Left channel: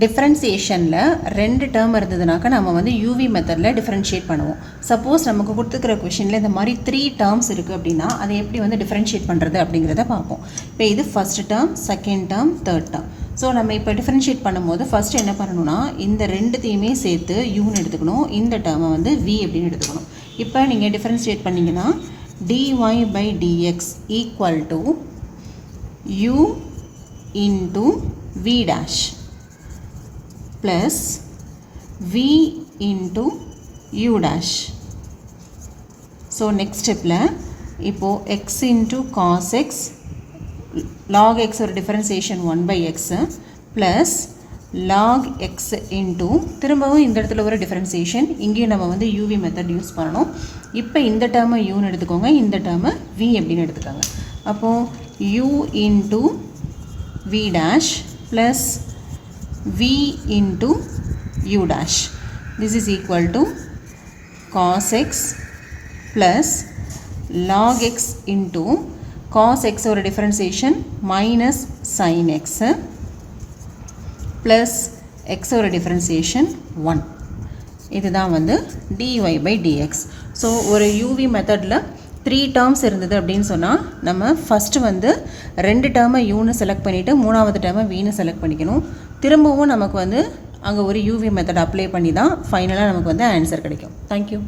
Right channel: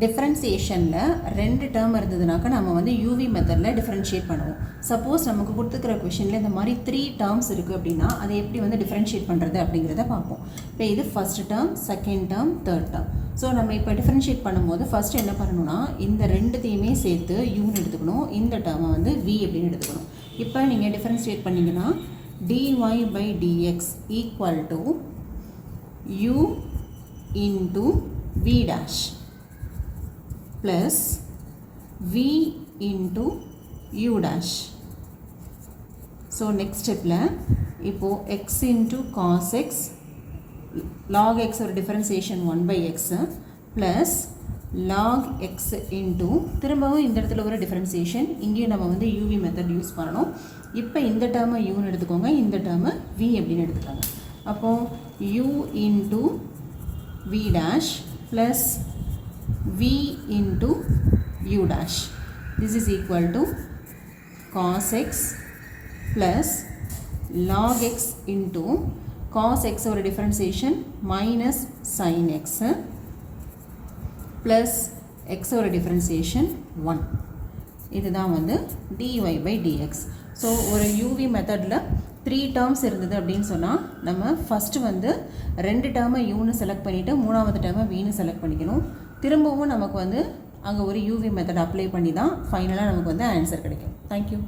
டிஃப்ரென்சியேஷனில் 2 term இருந்ததுனாக்கா நம்ம வந்து UV மெத்தடில் டிஃப்ரென்ஷியேட் பண்ணுவோம். சப்போஸ் நமக்கு கொடுத்துருக்கிற கொஷினில் இந்த மாதிரி 3 டேர்ம்ஸ் இருக்குது அப்படின்னா அதை எப்படி வந்து டிஃப்ரென்ஷியேட் பண்ணுறது அப்படிங்கிறத பார்ப்போம். இப்போ இது first term, second term, third term. So நம்ம இப்போ டிஃப்ரென்ஷியேட் பண்ணும்போது ஃபஸ்ட்டு என்ன பண்ணணும்னா இந்த ரெண்டுத்தையுமே சேர்த்து யூன்னு எடுத்துக்கணும், இந்த டேர்மை வந்து வி அப்படின்னு எடுத்துக்கணும். இப்போ நீங்கள் டிஃப்ரென்ஷியேட் பண்ணிங்கன்னா dy by dx equal to u into v dash plus v into u dash. So next step la ipo x into cos x log x or differentiation 1 by x plus log x into திரும்பவும் இந்த இடத்துல ஒரு differentiation இங்கேயும் நம்ம வந்து uv method use பண்ணணும். இப்போ இந்த டேர்மை யூன்னு எடுத்துக்கோங்க, இந்த டேர்மை v அப்படின்னு எடுத்துக்கோங்க. அப்போது u into v dash plus v into u dash. This is equal to cos x plus log x into cos x or differentiation minus sin x plus x or differentiation 1. இதுதான் வந்து dy by dx. So ஒரு uv மெத்தடில் 3 terms இருந்தது அப்படின்னு சொன்னால் நம்ம first வந்து 2 டேர்மை யூன்னு செலக்ட் பண்ணிவிட்டு 3வது டேர்மை வீன்னு செலக்ட் பண்ணிக்கணும். திரும்பவும் நமக்கு வந்து அங்கே ஒரு யூவி மெத்தட் அப்ளை பண்ணி தான் ஃபைனலாக நமக்கு வந்து ஆன்சர் கிடைக்கும். தேங்க்யூ.